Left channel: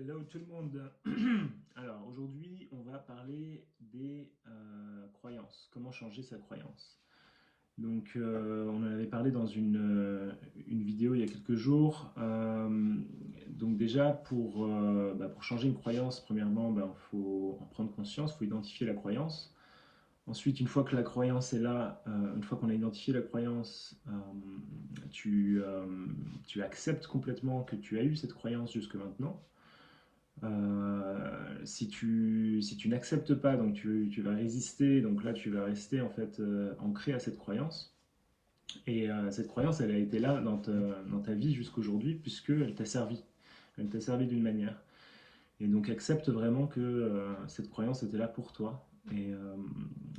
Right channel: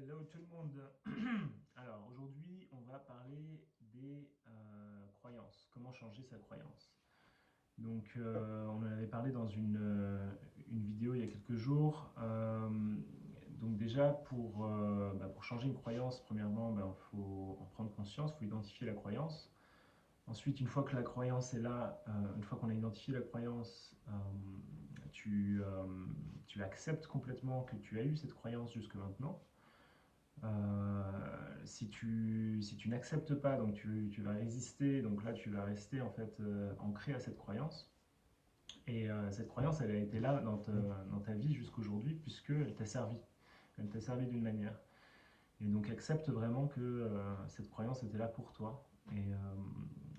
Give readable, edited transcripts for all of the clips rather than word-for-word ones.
Hello tout le monde. Alors aujourd'hui, on va parler des croyances. Comment changer sa croyance. Donc on en avait parlé dans une vidéo il y a quelques jours. Donc déjà pour changer une croyance, premièrement, il faut en prendre conscience, il faut identifier la croyance. Ensuite, une fois que la croyance est là, une fois qu'on a identifié la croyance, tu acceptes complètement que tu as eu cette croyance jusque maintenant. Si tu n'acceptes pas, donc tu vas résister, donc là tu vas rester en fait ancré à cette croyance. Et cette croyance, elle a été là dans ta vie jusqu'aujourd'hui, puisqu'elle t'a servi. Elle t'a servi d'une manière. Et donc accepte vraiment que cette croyance était là pour toi.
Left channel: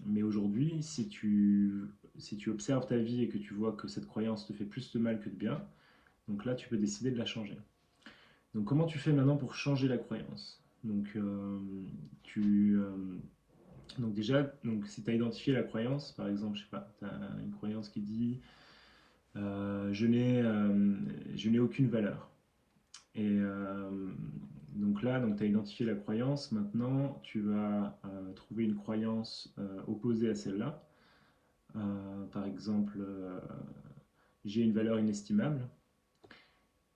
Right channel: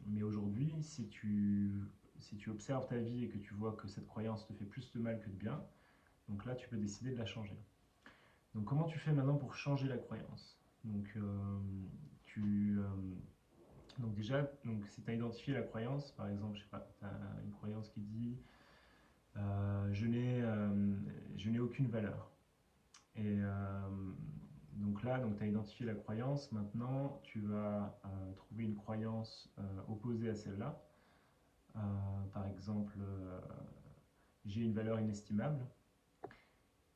Mais aujourd'hui, si tu observes ta vie et que tu vois que cette croyance te fait plus de mal que de bien, donc là tu peux décider de la changer. Donc comment tu fais maintenant pour changer la croyance? Tu, donc déjà, si tu as identifié la croyance, par exemple, je sais pas, tu as une croyance qui dit je n'ai aucune valeur. Et donc là, tu as identifié la croyance, maintenant tu vas trouver une croyance opposée à celle-là. Par exemple, j'ai une valeur inestimable.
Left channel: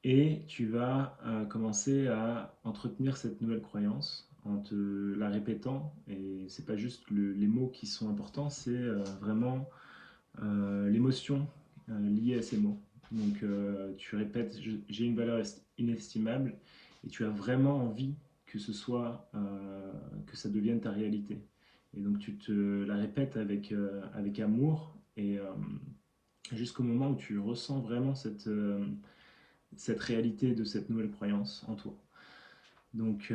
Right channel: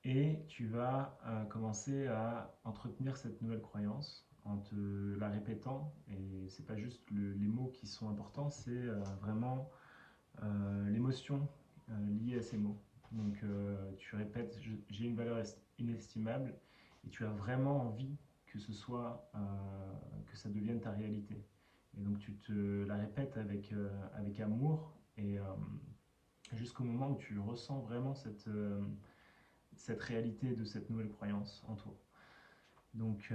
Et tu vas commencer à entretenir cette nouvelle croyance en te la répétant. Et c'est pas juste les mots qui sont importants, c'est vraiment l'émotion liée à ces mots. Donc tu répètes j'ai une valeur inestimable et tu as vraiment envie que que ça devienne ta réalité. Et donc tu te la répètes avec amour et jusqu'au moment où tu ressens vraiment cette réalité de cette nouvelle croyance en toi. Donc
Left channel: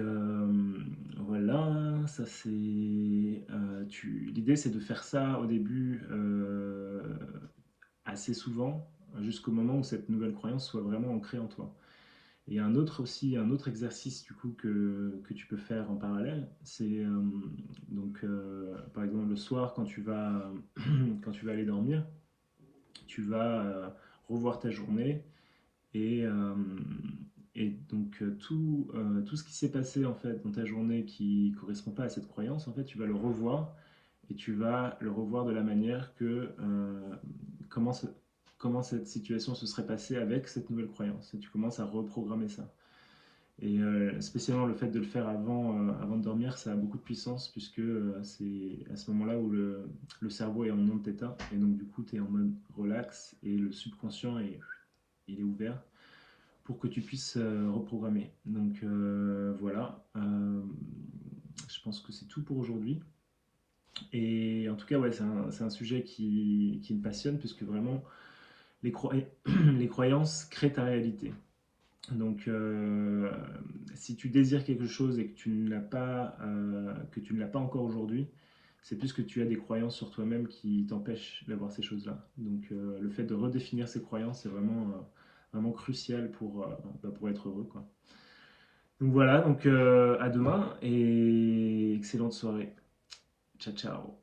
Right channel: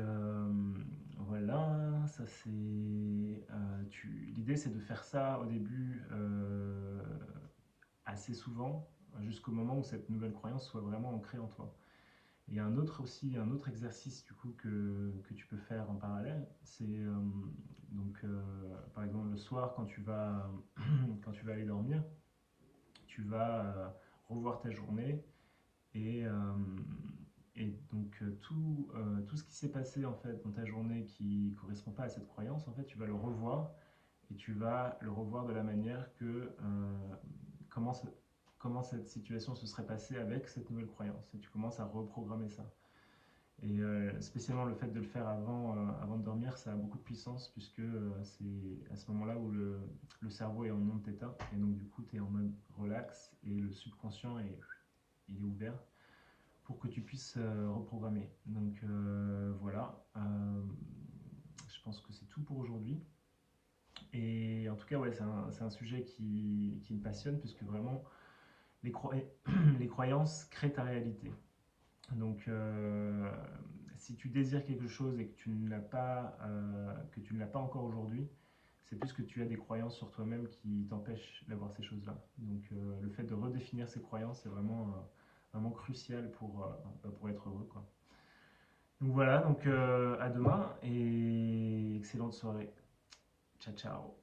voilà, ça c'est. L'idée c'est de faire ça au début assez souvent, jusqu'au moment où cette nouvelle croyance soit vraiment ancrée en toi. Et il y a un autre exercice du coup que tu peux faire en parallèle, c'est par exemple le soir quand tu vas aller dormir, tu vas revoir ta journée et, euh, et donc tout ce qui s'est passé en fait dans ta journée qui correspond pas à cette croyance, en fait, tu vas le revoir et tu vas le revoir de la manière que comment, comment cette situation se serait passée avec cette nouvelle croyance. Et tu commences à reprogrammer ça. Et spécialement le fait de le faire avant de dormir, ça a beaucoup de puissance puisque c'est à ce moment-là où le cerveau est en mode θ et donc du coup tu es en mode relax et le subconscient il est ouvert pour que tu puisses reprogrammer. Donc voilà, je pense que c'est tout pour aujourd'hui. Et en tout cas, ouais, c'est un sujet qui me passionne puisque vraiment, les croyances créent ta réalité. Donc, si tu désires quelque chose et que tu ne l'as pas encore aujourd'hui, c'est plus que tu as des croyances sur toi-même qui t'empêchent d'avoir ces choses-là. Donc, le fait de redéfinir ces croyances, c'est vraiment crucial pour être heureux, quoi. Donc voilà, donc à demain et excellente soirée. Ciao, ciao.